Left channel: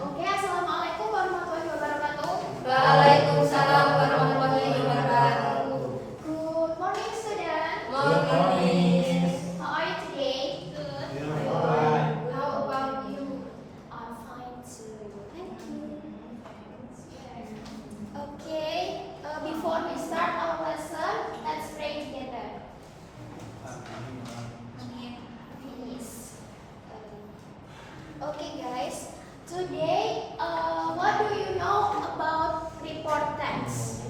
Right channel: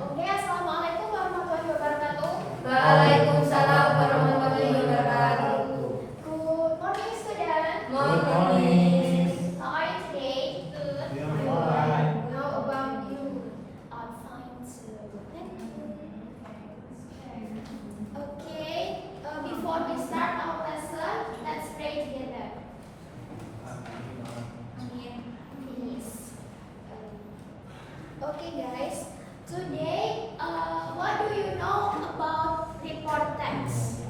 Oke, assalamualaikum warahmatullahi wabarakatuh. Waalaikumsalam warahmatullahi wabarakatuh. Good morning, student. Good morning. How are you today? Good. We are fine. How about you? I'm fine too. Thank you. Okay, before we start our lesson, let's pray together. Please. Okay, guys. Today, what do you know about report text?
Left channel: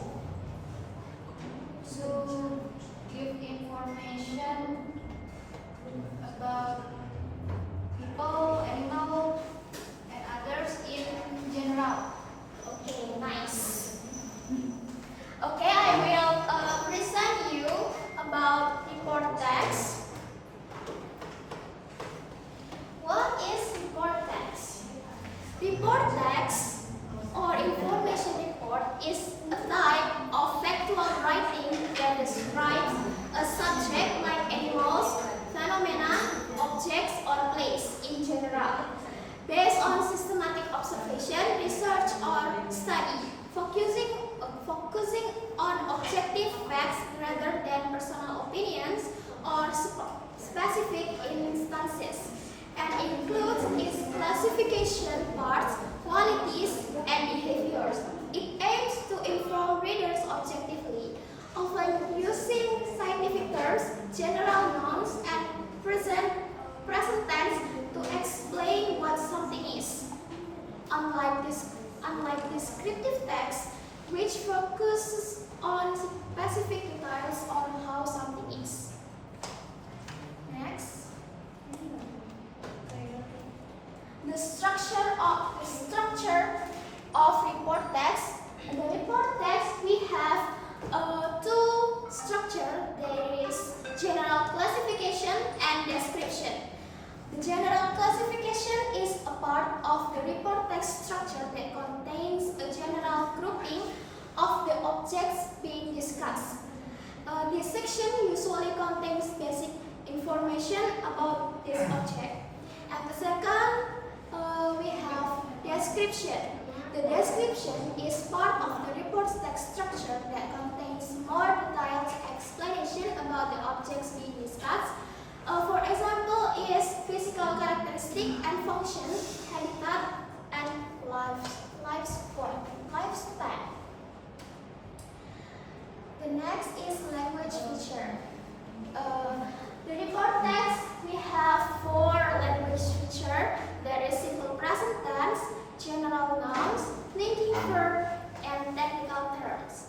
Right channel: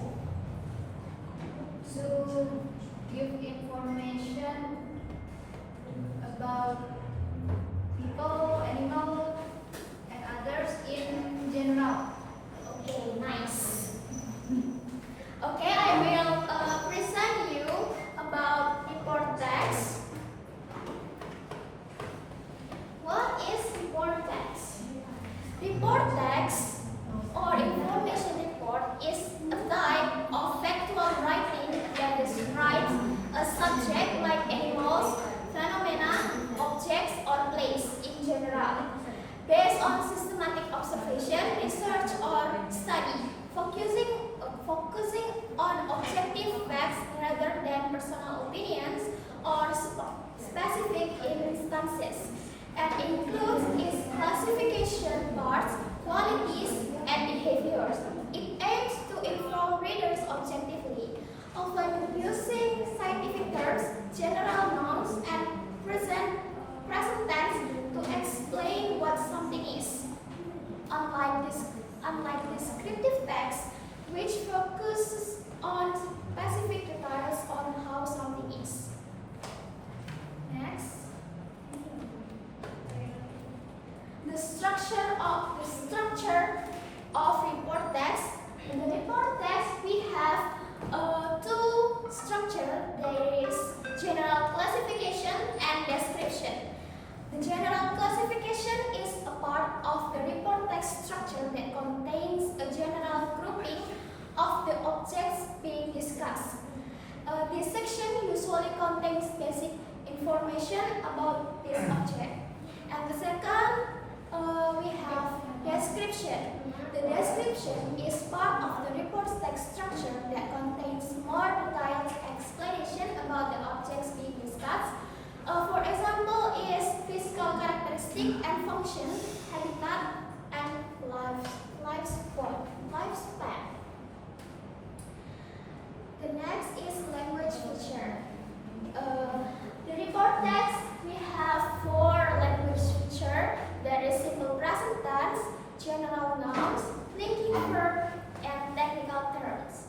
To give information about people, animal, and others in general. Okay, nice. Okay, I will present you about report text. What is report text? Report text or information report is a type of factual writing that describes a subject like animals, phenomena, objects, or place in general. Based on systematic observation, research, or study, focusing on objective facts rather than personal opinions or specific instances, and includes its classification parts, qualities, and behaviors. It aims to inform readers objectively, often using scientific terms, general nouns, and present tense to explain what something is. Unlike descriptive text, which focuses on specific details on how something is. Next. The structure of report text. In the report text, we have two structure. There is general classification and description. The general classification is a part of the report text structure that contains a general grouping of the objects being discussed. This section usually contains basic information about this object. And the second, we have description. The description is part of the report text structure that contains more detailed explanation about the objects being discussed. For example, is physical characteristic and function, habitat, and lifespan. The next is language feature. The report text, we have four language feature. There is simple present tense, general nouns, linking verb, and technical terms.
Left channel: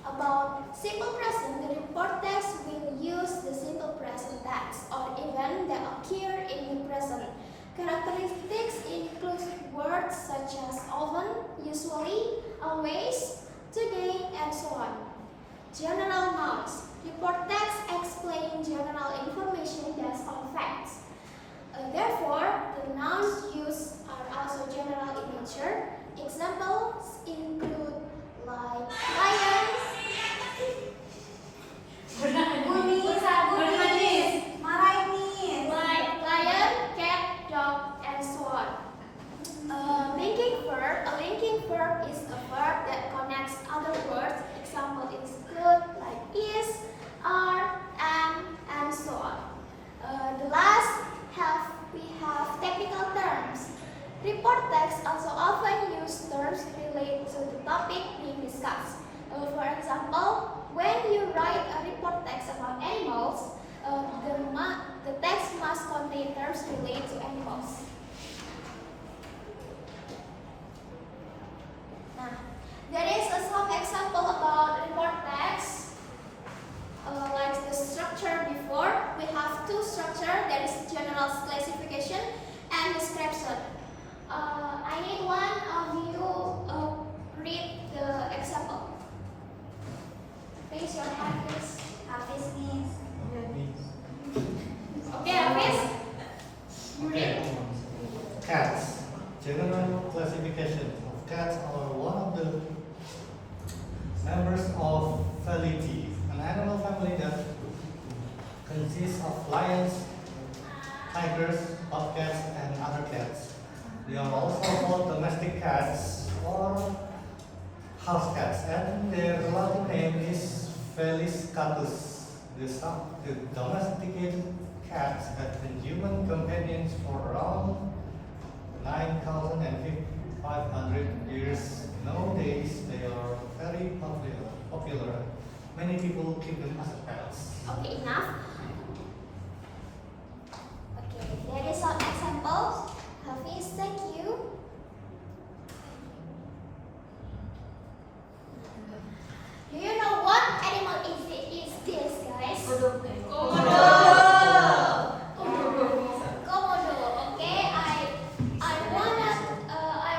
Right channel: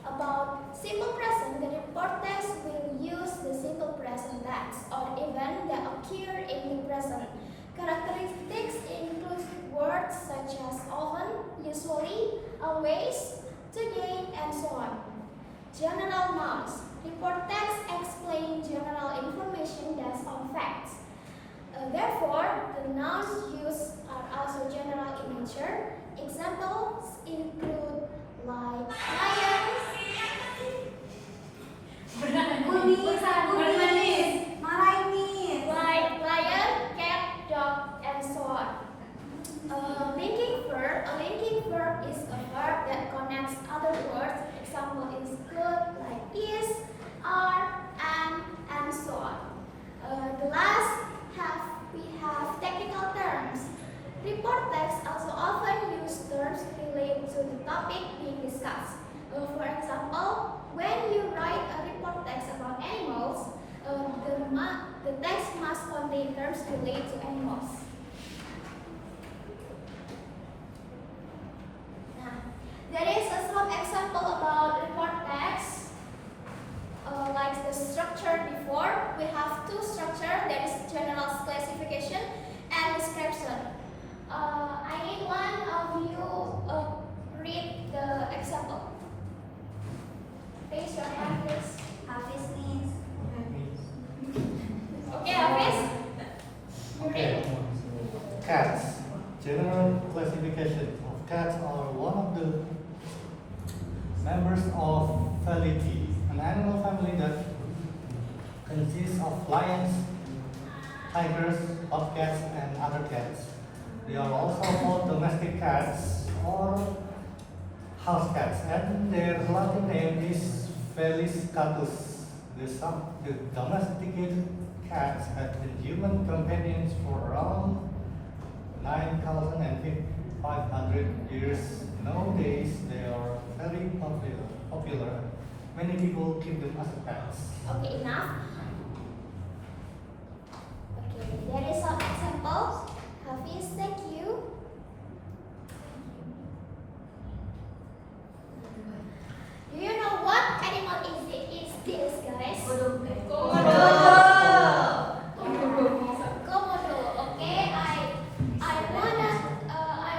About simple present, the report text will use the simple present tense or event that occur in the present. Characteristics include words such as often, usually, always, today, and so on. General nouns. Report text explain general information based on facts. Therefore, the nouns used are also general in nature. Examples include like lions, like lion, cat, dog, and so on. Linking verb. A linking verb is a verb that connects other words. Example include like is, are, and so on. The last we have technical terms. Report text also often use terms related to the topic being discussed. For example, when you write a report text about animals, the text must contain terms related to animals. Now, there is some example about report text. Like the structure before, we have two structure. There is general classification and description. I need one of you read the example. Raise your hand, please. Hafiz, please. Okay, Hafiz. You read. Cats. General classification of cats are one of the members of Felidae, an animal family that consists of lions, tigers, bobcats, and other cats. They are also called domestic cats or house cats, and their Latin name is Felis catus. The domesticated cats have been human companions for around 9,500 years. Nowadays, they are very popular. Many people keep them as pets. Okay, enough. Okay, there is some examples. Hafiz, thank you. Do you know what animal is this, guys? Komodo. Okay, I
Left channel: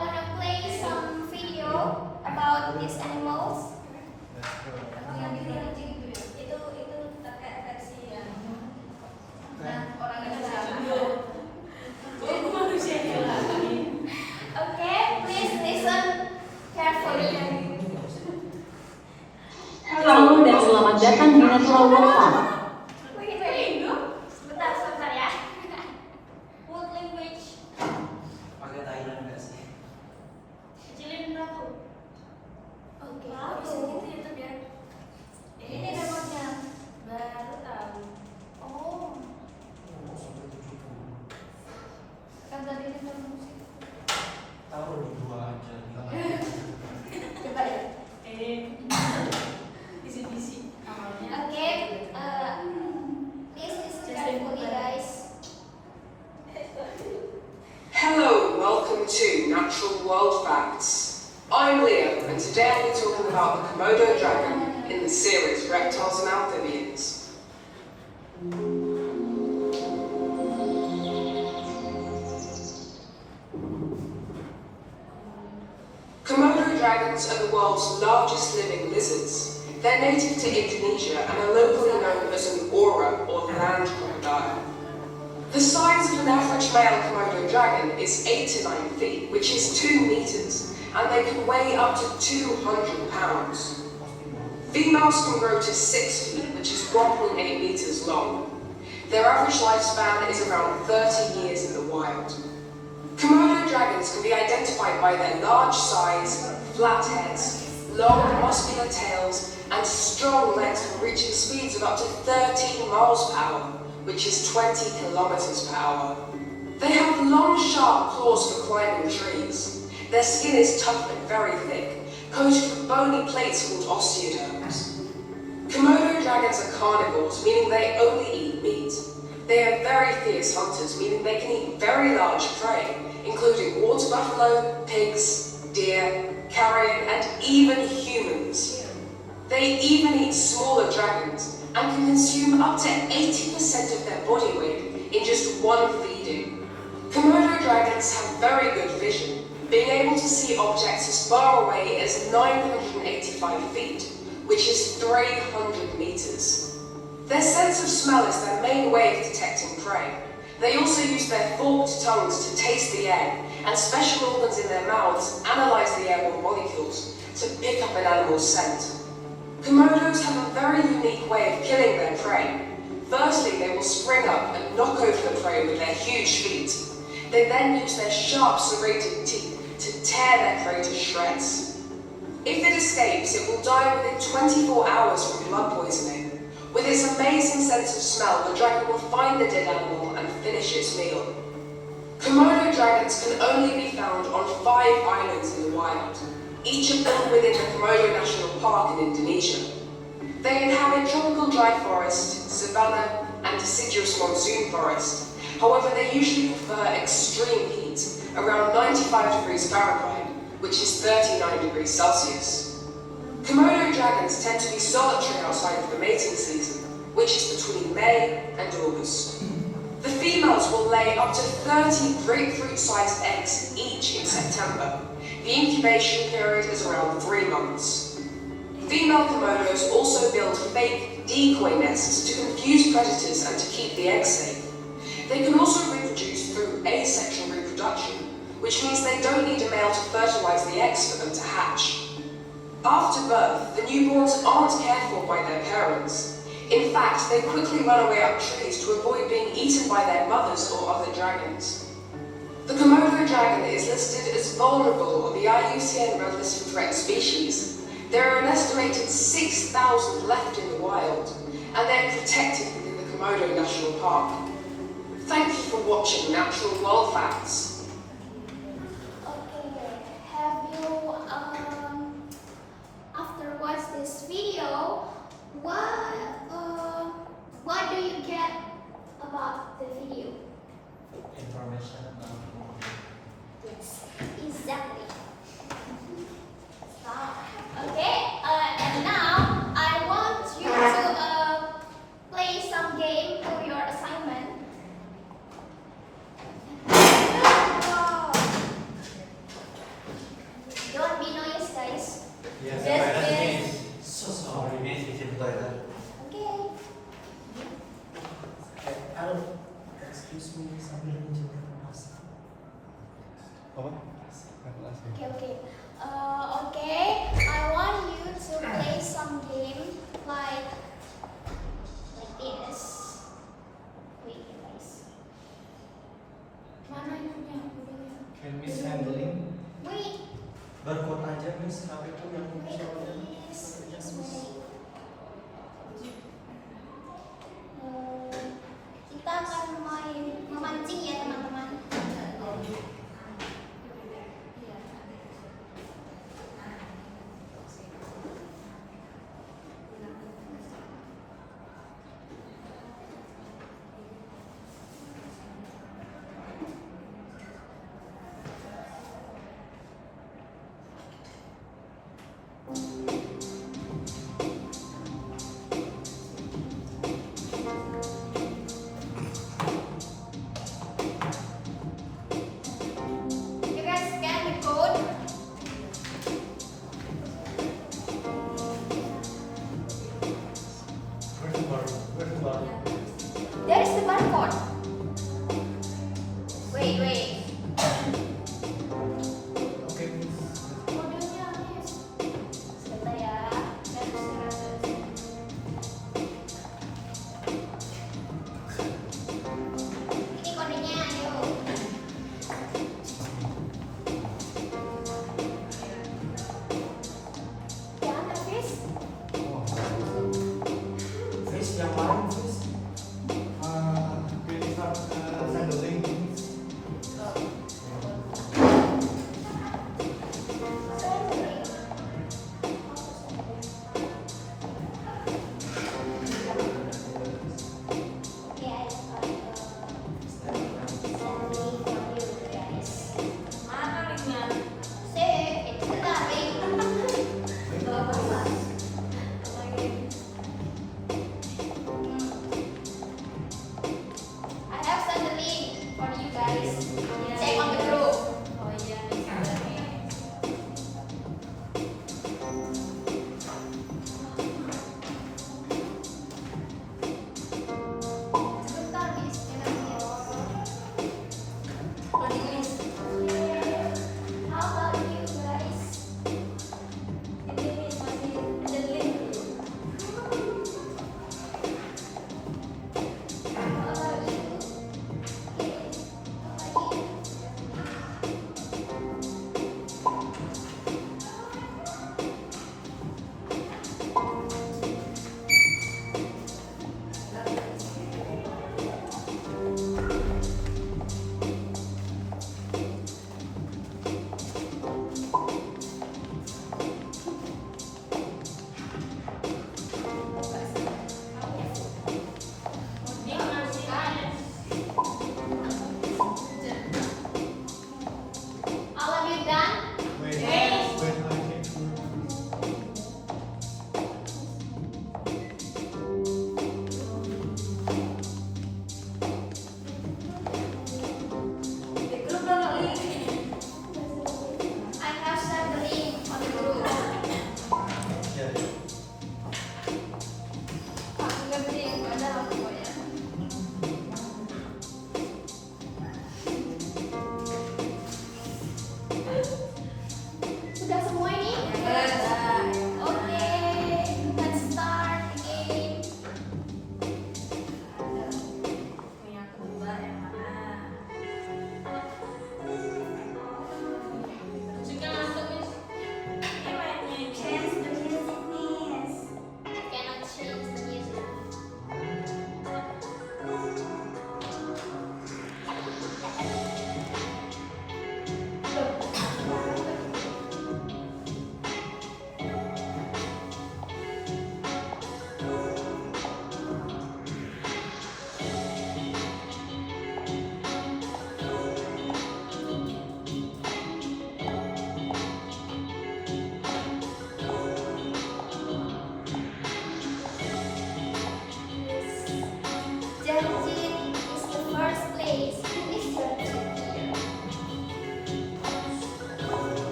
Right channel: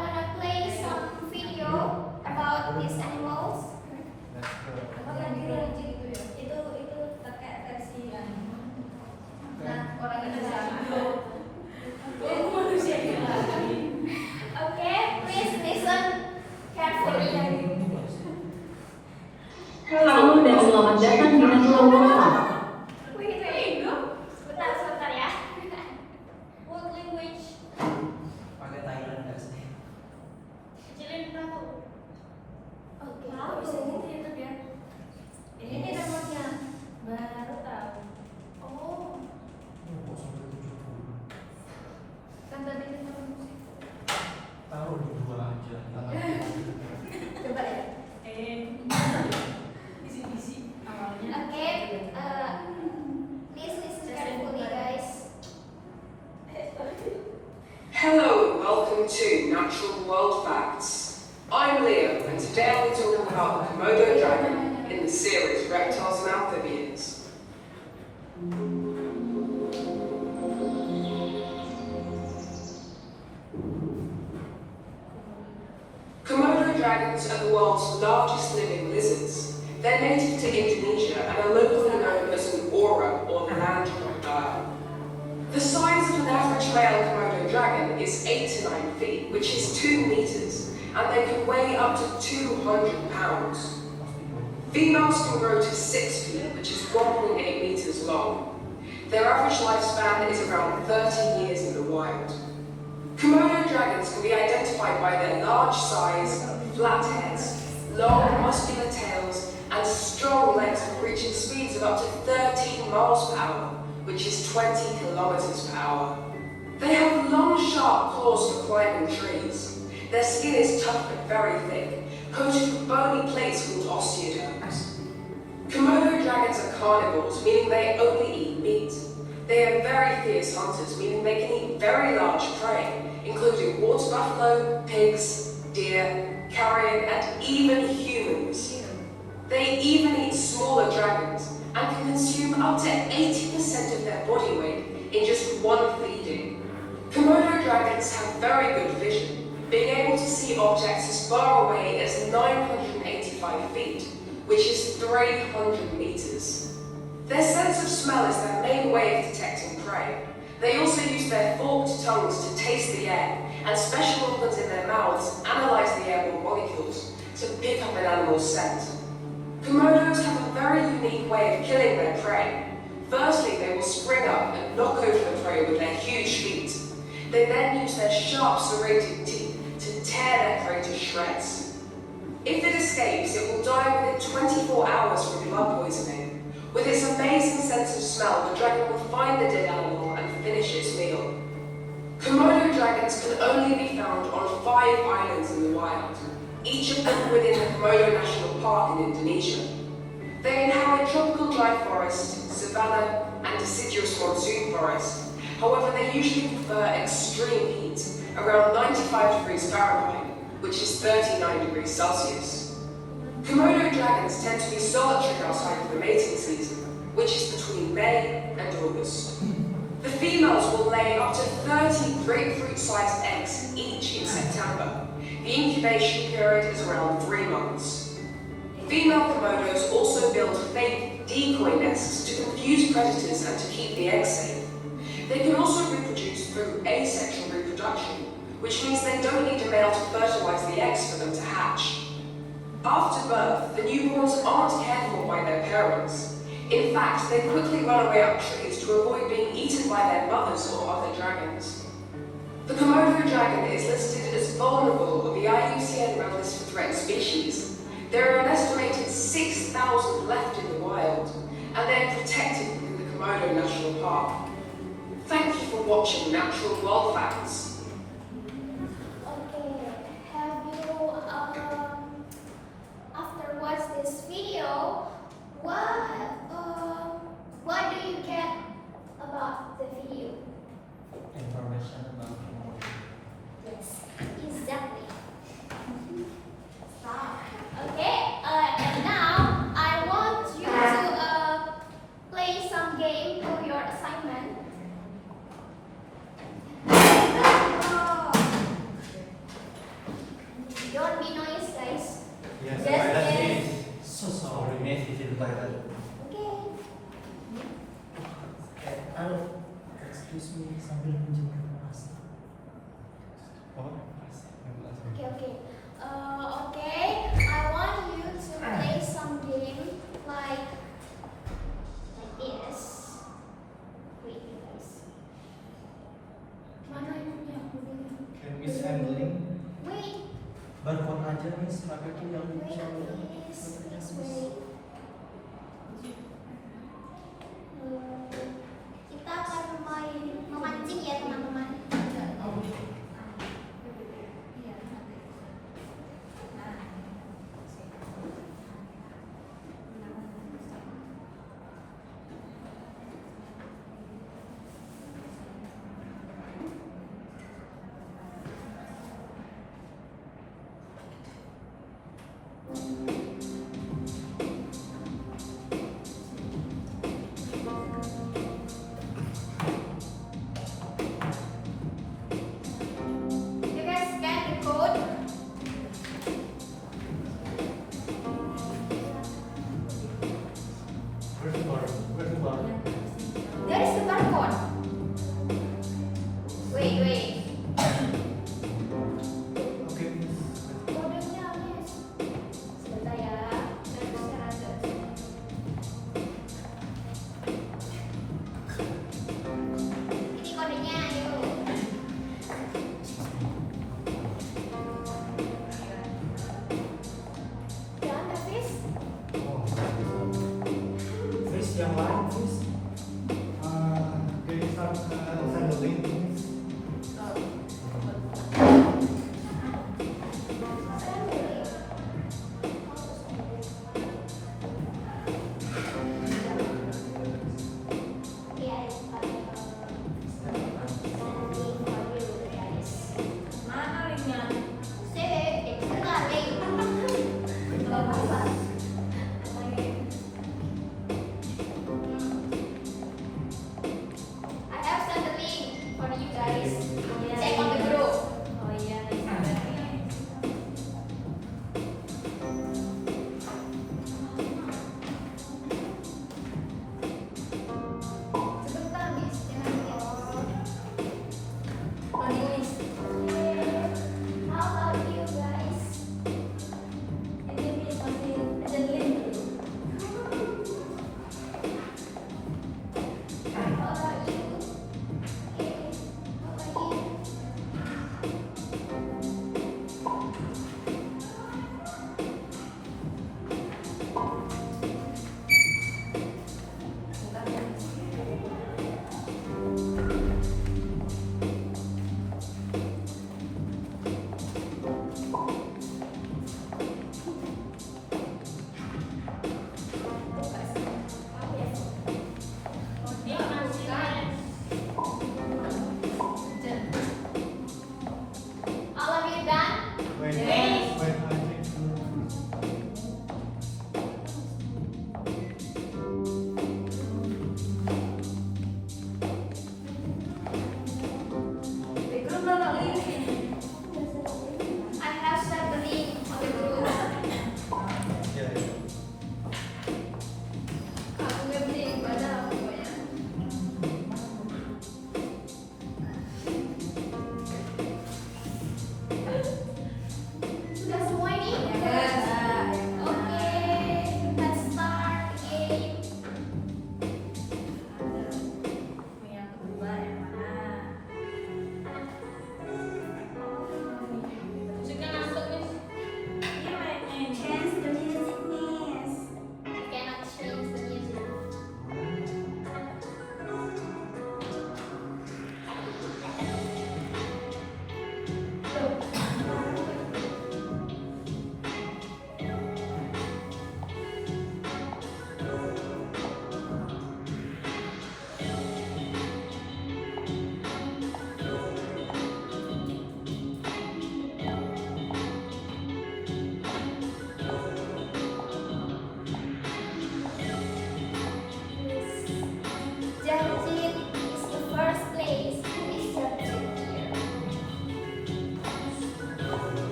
wanna play some video about these animals. Itu pakai versi yang orang Indonesia. Okay, please listen carefully. Halo dan selamat datang di Natural World Park. Wait. Sebentar ya. What language? Pakai Thailand nggak sih? Kecilin aku. Oke, kok bisa gitu ya tuh ya? Ini namanya. Baru tahu. Oh. Kan tadi kita Taruh di dua aja. coba ya. Bisi-bisi awalnya. Oke, please listen carefully, guys. Hello, welcome to Natural World Facts. I'm Leo, and today I'll be talking about the Komodo dragon in the series Reptiles and Amphibians. Komodo dragons are the world's largest living lizards. They're native to Indonesia and are locally known as an aura or land crocodile. The size of an average male Komodo dragon is 8 to 9 feet, which is 2 meters, and they can weigh up to 200 pounds. Females can grow to 6 feet, which is 1.8 meters long. Their average lifespan is around 30 years in the wild. Komodo dragons can be identified by their large size, flat heads, long muscular tails, and strong legs reaching speeds of up to 13 miles per hour, which is 20 kilometers per hour. They have long, sharp claws for climbing trees. Their skin is tough and very thick, coated with bony plates called osteoderms. Komodo dragons are carnivores, meaning they only eat meat. They are very fierce hunters, meaning they can eat very large prey, including water buffalo, pigs, deer, carrion, and even humans. They even eat smaller dragons and can consume up to 80% of their body weight in just one feeding. Komodo dragons have very good vision, being able to see objects as far away as 985 feet, which is 300 meters. Their sense of smell is their main way of detecting prey. They also use their forked tongues to taste the air, and special organs in their mouths analyze the airborne molecules to pick up an animal's scent. Komodos have a very unique way of killing their prey. Firstly, they will spring up and knock over the prey with their huge feet. They then use their sharp serrated teeth to tear their prey to shreds. If it escapes, it will die within 24 hours from blood poisoning. With its amazing sense of smell, the dragon will find the dead animal and finish its meal. Komodo dragons can only be found on 5 islands in the wild, each of them within the Komodo National Park in Indonesia. They inhabit tropical dry forest, savanna, and deciduous monsoon forest. However, they usually prefer extreme heat, around 95 degrees Fahrenheit, which is 39 degrees Celsius. Komodo dragons tend to be solitary outside of the mating season, which is between May and August. The females will lay up to 30 grapefruit-sized eggs each in September. The incubation period is around 3 months. Female Komodos also build fake decoy nests to confuse predators and to keep the eggs safe. They can also reproduce through asexual reproduction, which means they don't need a male to fertilize the eggs for them to hatch. After birth, the newborns aren't cared for by their parents. In fact, they quickly run away up trees to avoid being eaten by their mothers or other dragons. The Komodo Komodo dragon is listed as vulnerable on the IUCN Red List for Threatened Species. There are an estimated 6,000 left in the wild, and they are protected within the Komodo National Park. Thank you for watching Natural World Facts. Okay, have you after watch this video, what do you get about the video? Information about Yes, exactly. Okay, and now I want you to play some game for your assignment. Don't be noise, guys. Yes, Yes, Madam. yes. so sorry, Miss, diceritakan. Okay. Halo, excuse me, sambil menunjukkan bahasa. Apa? Okay, okay. Okay, I want you to play some game like this. Wait, guys. Mana yang udah? Can we send link? Wait, Barcode aja, Miss, HP tuh yang wait, bisa please wait. Kita akan memancing ya teman-teman. You can scan the code. Where's the bar? Where's the bar? There is the barcode. Wait, wait. Okay. Kodenya habis. Sebentar ya. Ini kodenya, ayo. Jangan habis. Oh, nggak bisa. Miss, yang lain, Miss. Can you start send the link, please? Mana linknya? I have sent the link for you guys. Check on the group. Oh iya nih, ada nih. Sebentar, Miss. Oh, ditulis. How about you guys? Ini Miss, masih ada link dulu. How about you? Okay. How about you?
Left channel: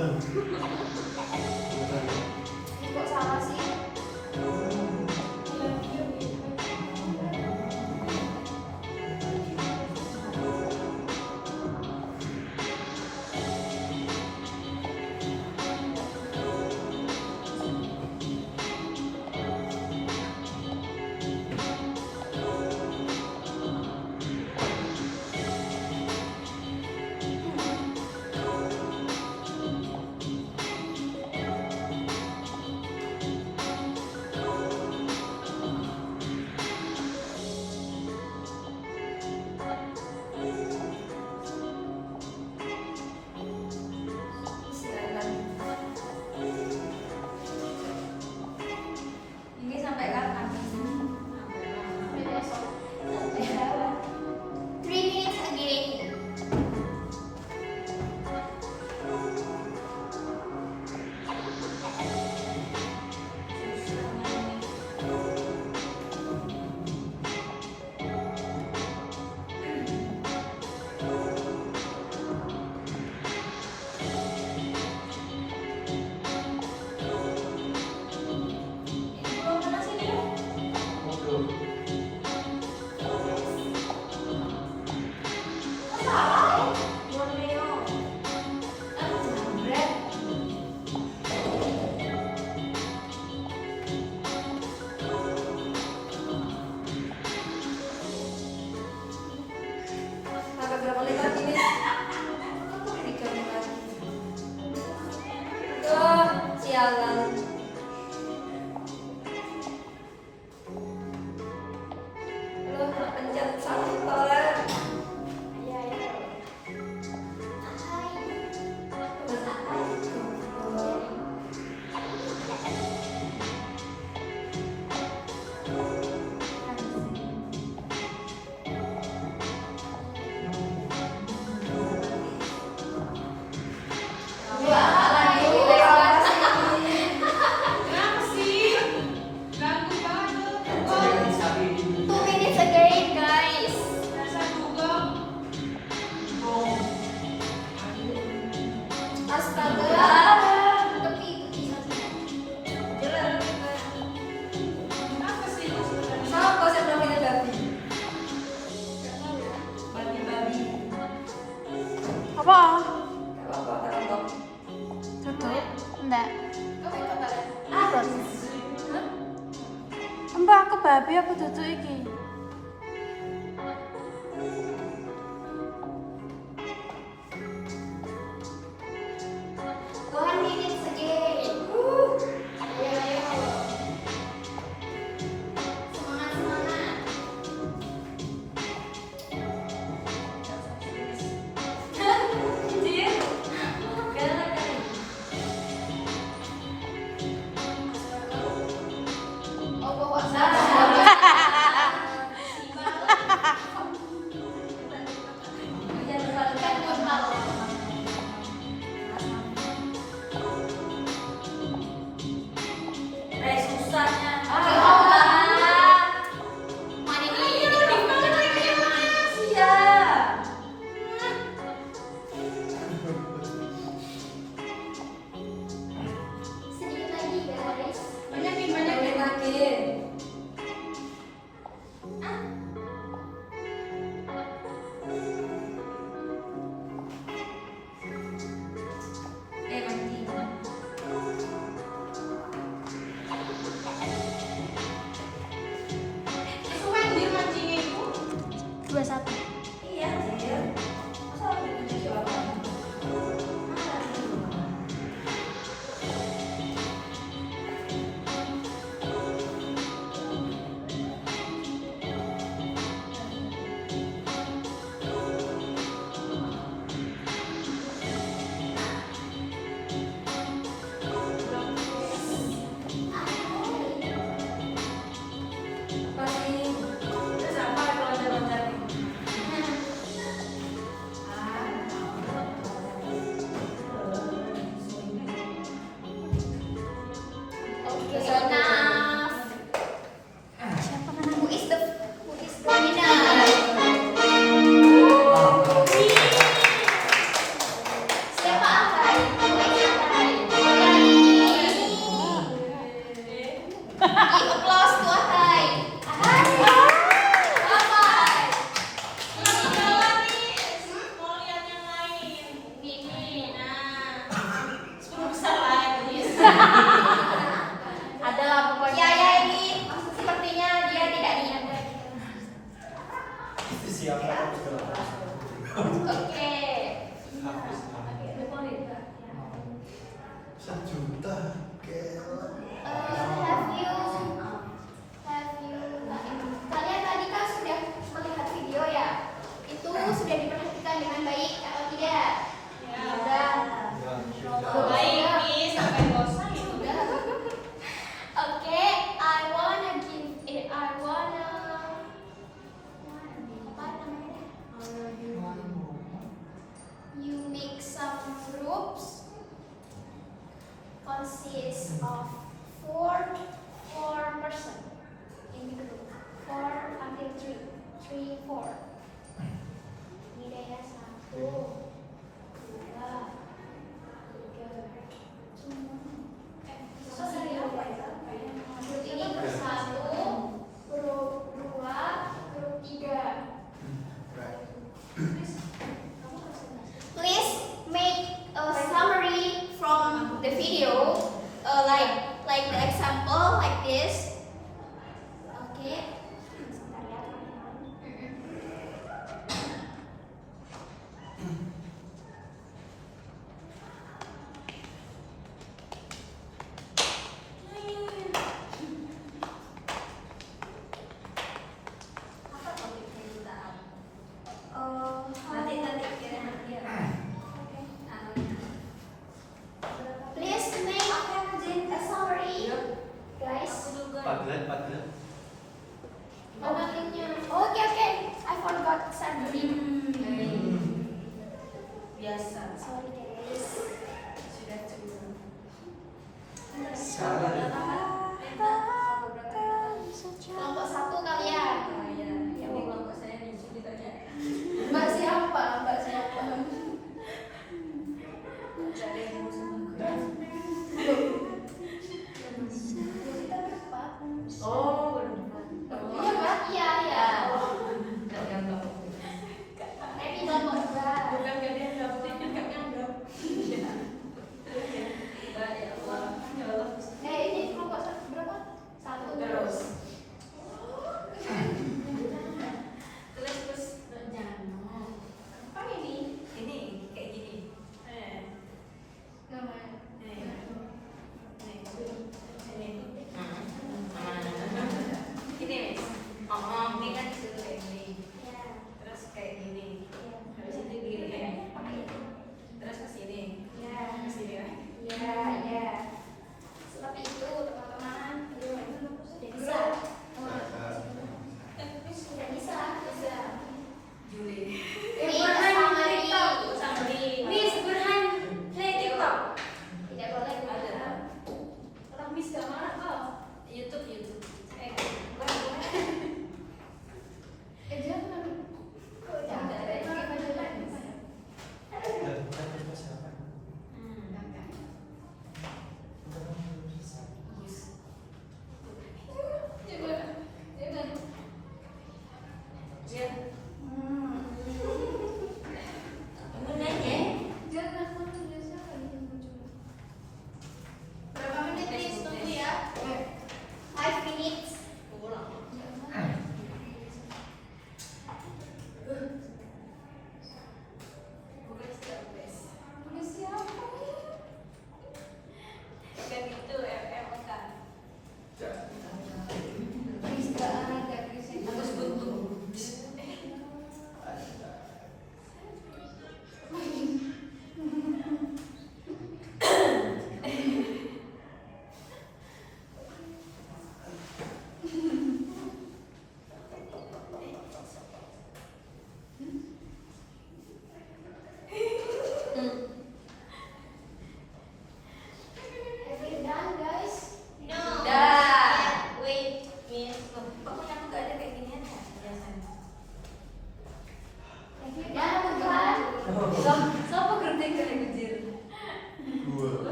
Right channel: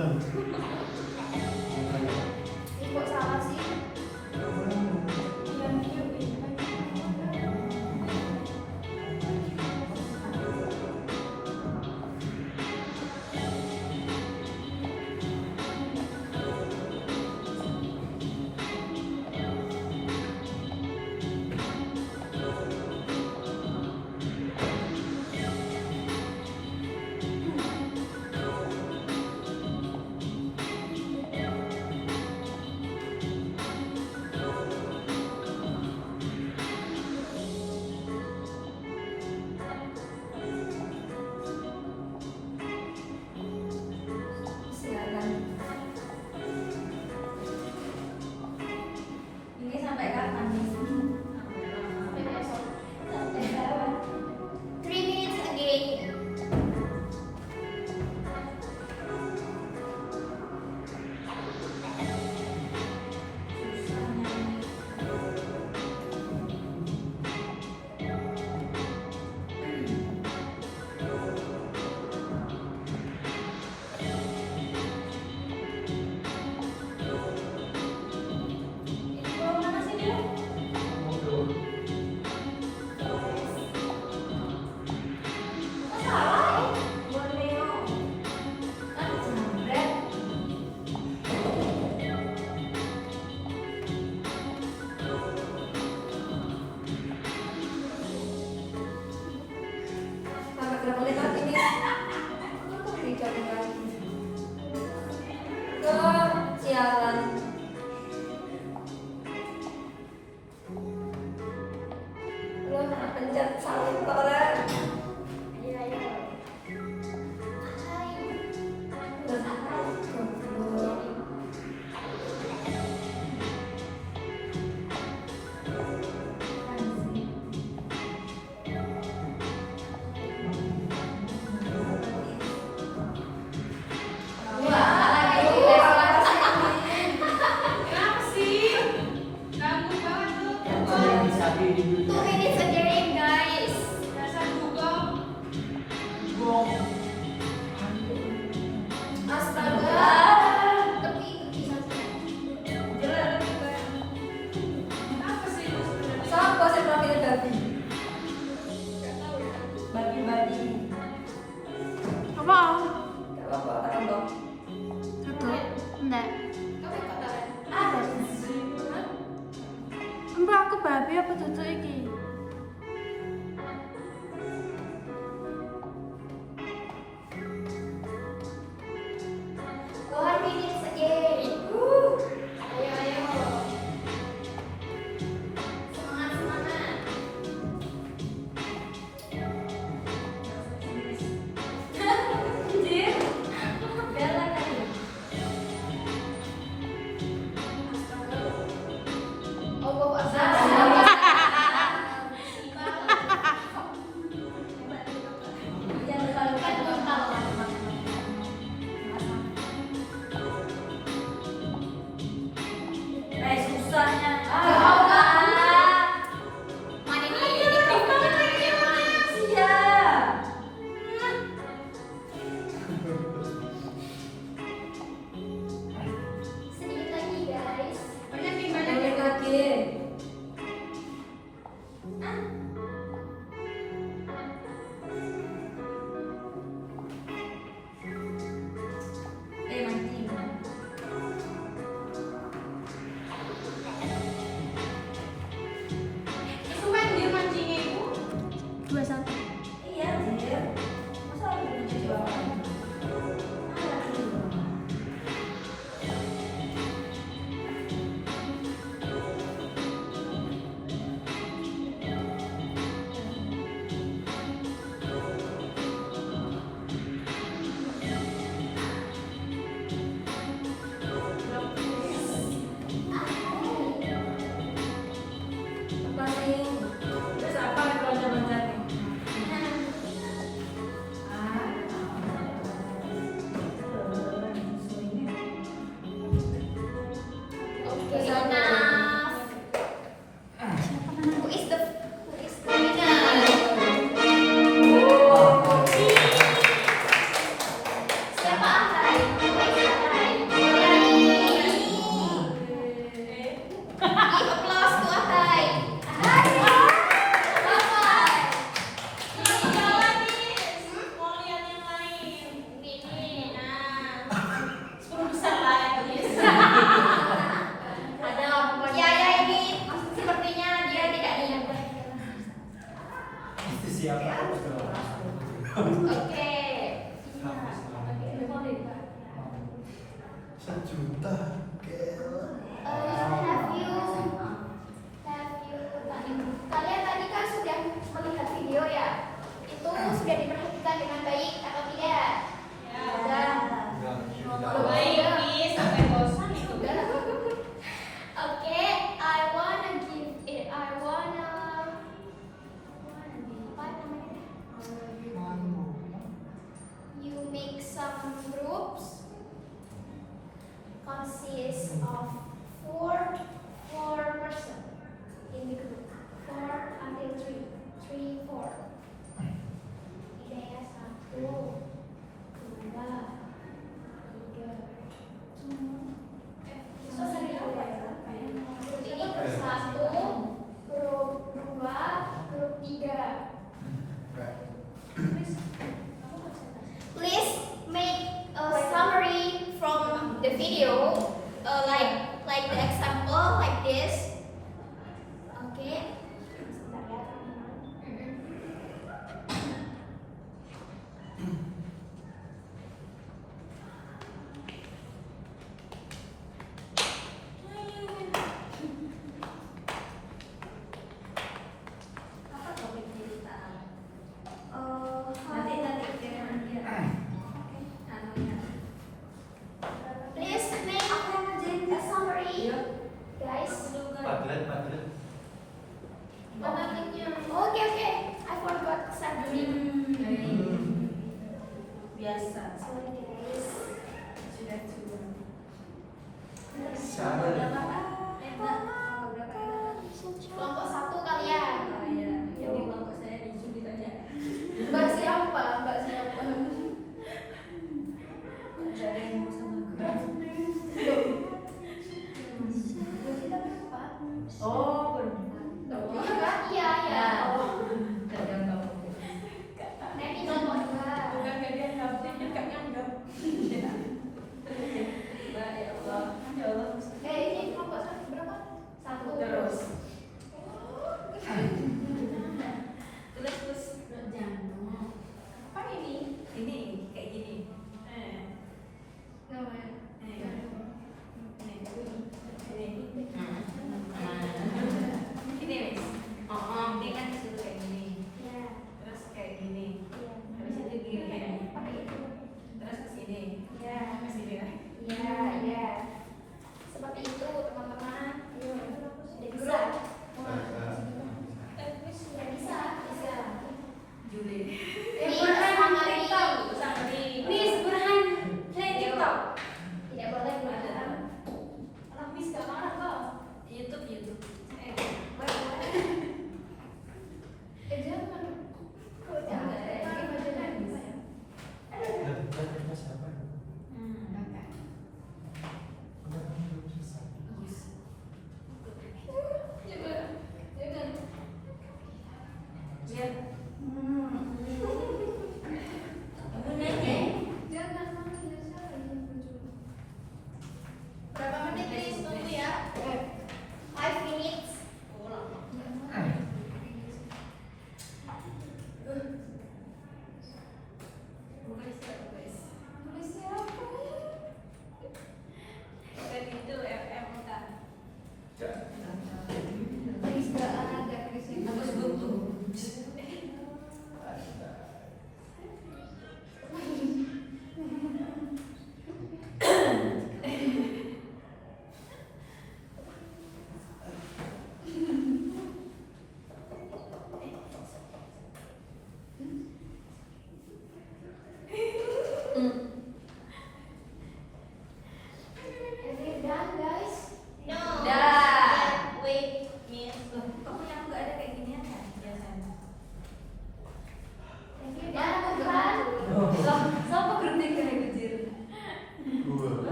Bukan. Kok salah sih? Silakan. Ini sampai kapan? Sampai besok. 3 minutes again. Mana sih dia? Borneo. Jambret. Kakak berapa lekat ini? 3 lekat. Oh, sialan. Lu pencet satu kolam. Iya, iya. Sabi di 2 minutes again, guys. Astaga. Tepi satu. Sama bos yang bilang kita babi. Babi-babi. Apa? Apa tahu? Tutup? Enggak. Apa yang katakan? Ada. Mbak aku babi apa tutup iki? One minutes again. Ayo, ayo. Semangat, semangat. Jadi, galak kan? Oh, bawa salah. 1 juta. Kalian tadi kan sudah melihat video ya? Itu sudah diperhatikan dengan baik atau tidak? Sudah. Sampai bosan itu. Okay, I wanna give it. I wanna. Apa namanya? You make some groups consist of four person in the group. 4 until 3. 3, 4. Ini ya 1, 2, 3. Grup ini grup 1, grup 2, grup 3. Please make a summary from the video, like the example like this. Okay. Please make a summary, guys.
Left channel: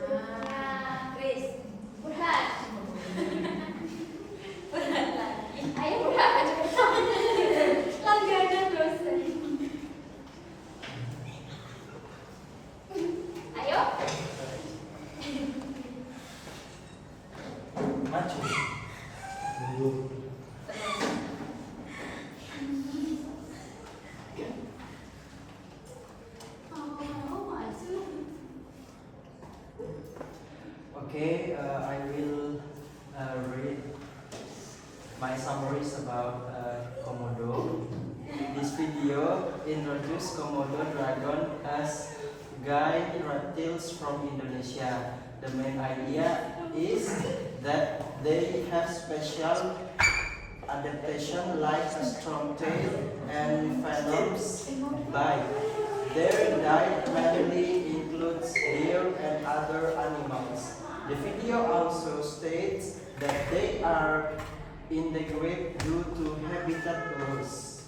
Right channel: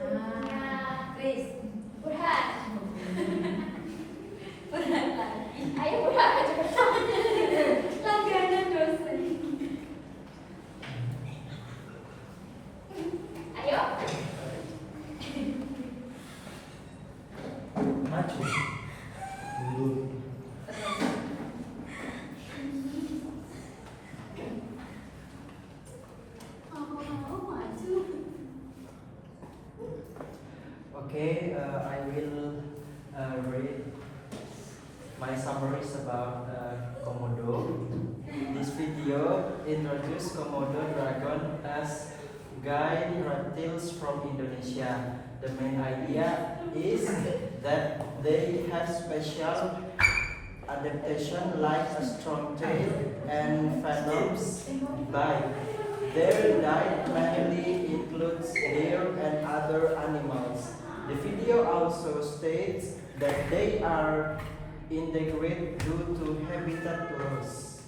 Chris. Burhan. Ayo Burhan aja Langganan dosen. Ayo. Maju. Okay, I will read my summaries about Komodo. This video introduces Komodo dragon as guide reptiles from Indonesia. The main idea is that they have special adaptation like a strong tail and venomous bite. Their diet mainly includes deer and other animals. The video also states that they are endangered due to habitat loss.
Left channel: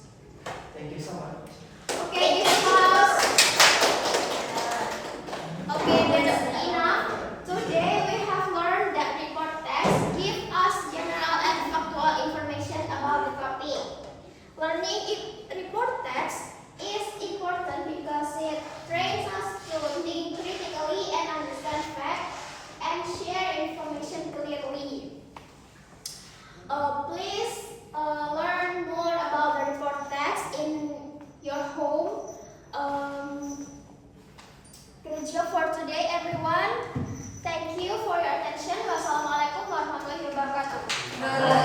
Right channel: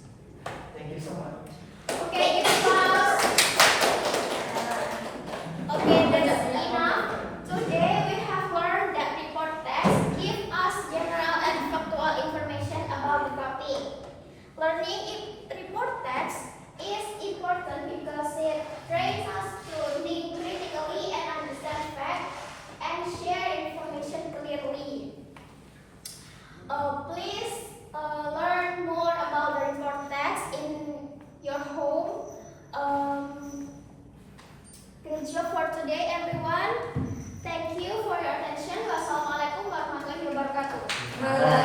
Thank you so much. Okay, this was. Okay, that's enough. Today we have learned that report text give us general and factual information about the topic. Learning report text is important because it trains us to think critically and understand facts and share information clearly. Please learn more about the report text in your home. Good job for today, everyone. Thank you for your attention. Wassalamualaikum warahmatullahi wabarakatuh.